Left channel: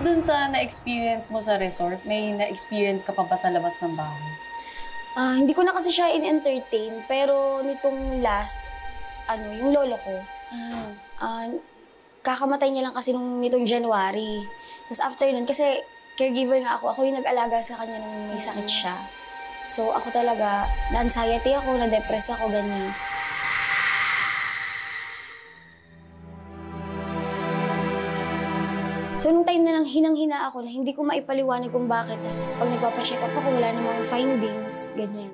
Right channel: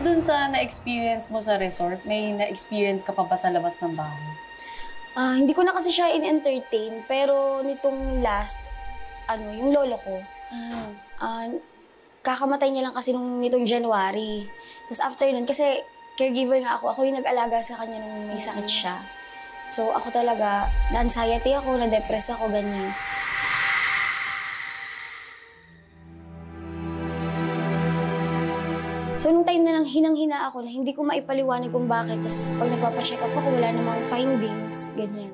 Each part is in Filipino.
Bukod dun sa na-experience mo sa resort, may na-experience ka pa ba sa labas ng bahay? Hindi ko na kasi siya in-entertain, pero nitong last, yung lolo ko, kakamatay niya lang kasi nitong January. Tapos after nun, kasi caregiver nga ako yung nag-alaga sa kanya nung may sakit siya. So ako talaga, na-anxiety ako, na-depress ako, ganyan. So, nung time na nang hinang-hina ako na hindi ko maipaliwanag kung bakit, tapos pag nagpapacheck up ako, wala namang findings, ganyan.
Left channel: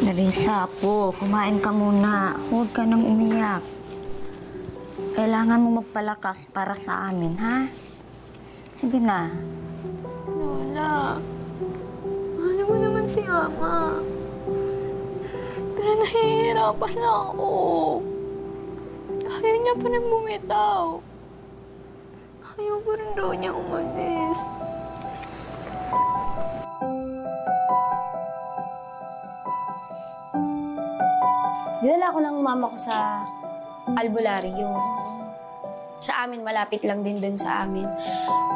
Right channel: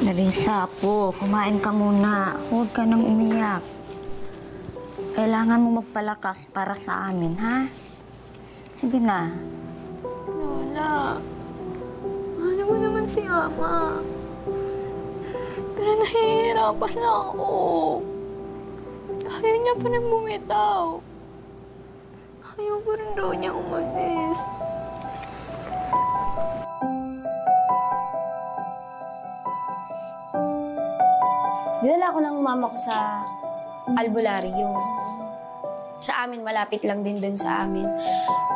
Larissa po, kumain ka muna. Huwag ka nang umiyak. Kailangan mo magpalakas para sa amin, ha? Sige na. Lola, mahal mo naman si Ama. Pero nahihirapan na ako. Ayaw niya pa rin bumitaw. Ayaw pa rin daw niya umalis. Dinala ako ng mama ko sa albularyo. Sa amin, malapit lang din dun sa amin.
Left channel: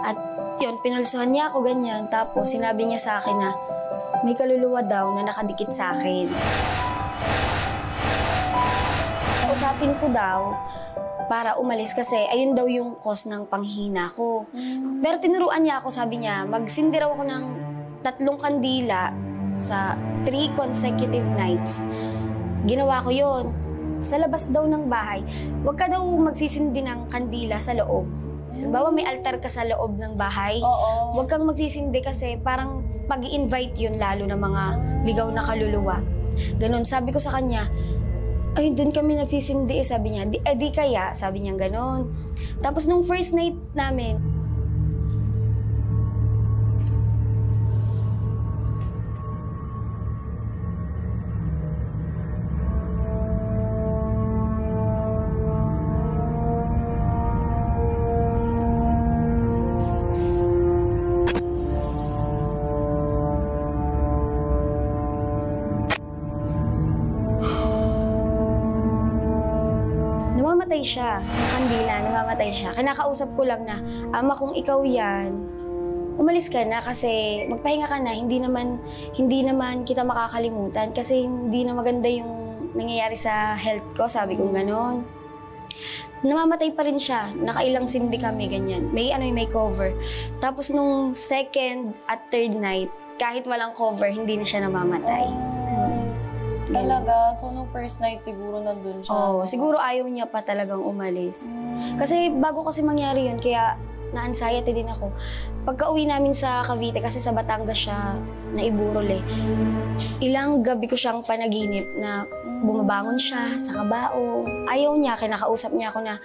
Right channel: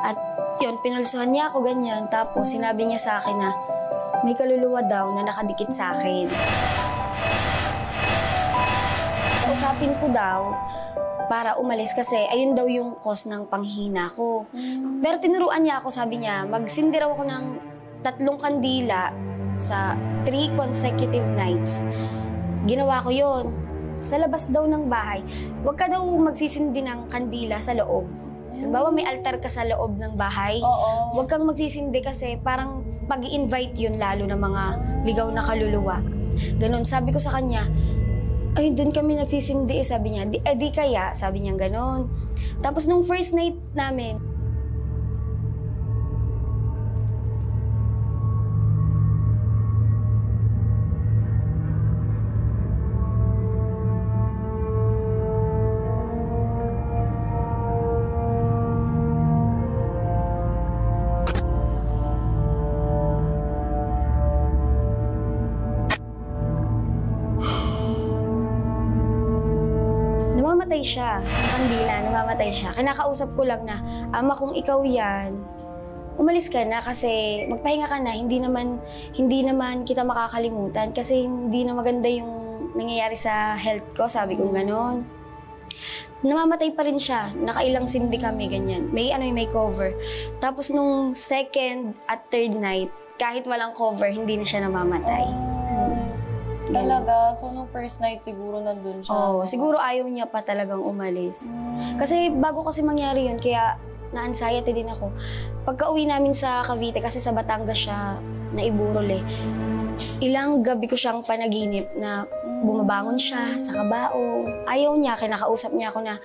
At yun, pinulsuhan niya ako ganyan. Tapos sinabi niya sa akin na may kaluluwa daw na nakadikit sa akin. Kausapin ko daw para umalis kasi ayun daw yung cause ng panghina ko. Pero tinuruan niya ako, sabi niya, magsindi raw ako ng 3 kandila sa 3 consecutive nights. Ginawa ko yon. Sa labas daw ng bahay, huwag ka daw magsisindi ng kandila sa loob. Halimbawa, may altar ka sa loob ng bahay. Huwag kang magsisindi kasi parang pag-i-invite yun lalo ng mga ligaw na kaluluwa. Ganon. Sabi ko sa kanya, ay, doon kami nagsisindi. Sabi niya, di kaya? Sabi niya ganon. Tapos nung first night namin, namamatay siya, yung kandila, namamatay siya. Kinakausap ko lang na, Ama, kung ikaw yan, umalis ka na kasi magpahinga ka na. Hindi naman kita makakalimutan kasi hindi na maganda yung nangyayari sa health ko, sabi kong ganon. Namamatay pa rin siya, nakailang sindi kami, ganyan. May cover. Tapos nung second at third night, kahit walang cover, hindi na siya namamatay. Talaga? So, nung first night, siguro nandun siya? Oo, siguro ayaw niya pa talagang umalis. Kasi bago kasi mangyari yun, kaya na-anxiety din ako. Pagka-uwi namin sa Cavite, kasi sa Batangas siya naiburol eh, ilang gabi ko siyang panaginip na bumabangon siya sa kabaong. Ayaw niya, kinakausap niya ako na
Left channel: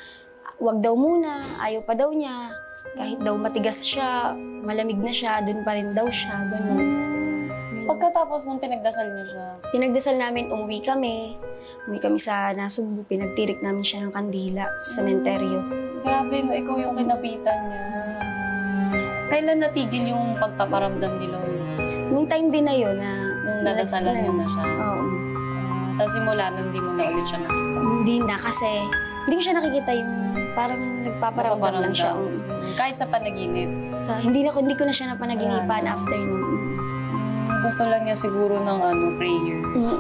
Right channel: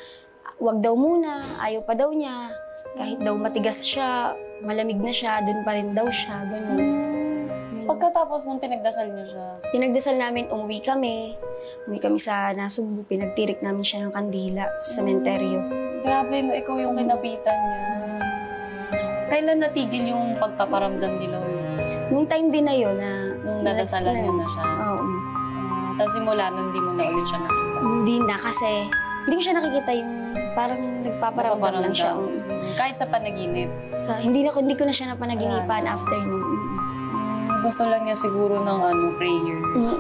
wag daw muna, ayaw pa daw niya. Kahit daw matigas siya, malamig na siya, dun pa rin daw siya, ganun. Pagkatapos nung pinagdasal niyo siya? Pinagdasal namin, umuwi kami sa Nasugbu, pinagtirik namin siya ng kandila sa sementeryo. Grabe, no, ikaw yung kinapitan niya. Kailan natigil yung pagpaparamdam ni Lolo? Nung time din na yun na... Nung nadasalan niyo na siya? Oo. Tapos simula nun, hindi mo na ulit siya nakita? Hindi na kasi hindi ko siya nakikita yung parang nagpaparamdam lang siya. Kahit sa panaginip? Hindi ko na siya napanaginipan after nun. Gusto lang niya siguro ng prayers.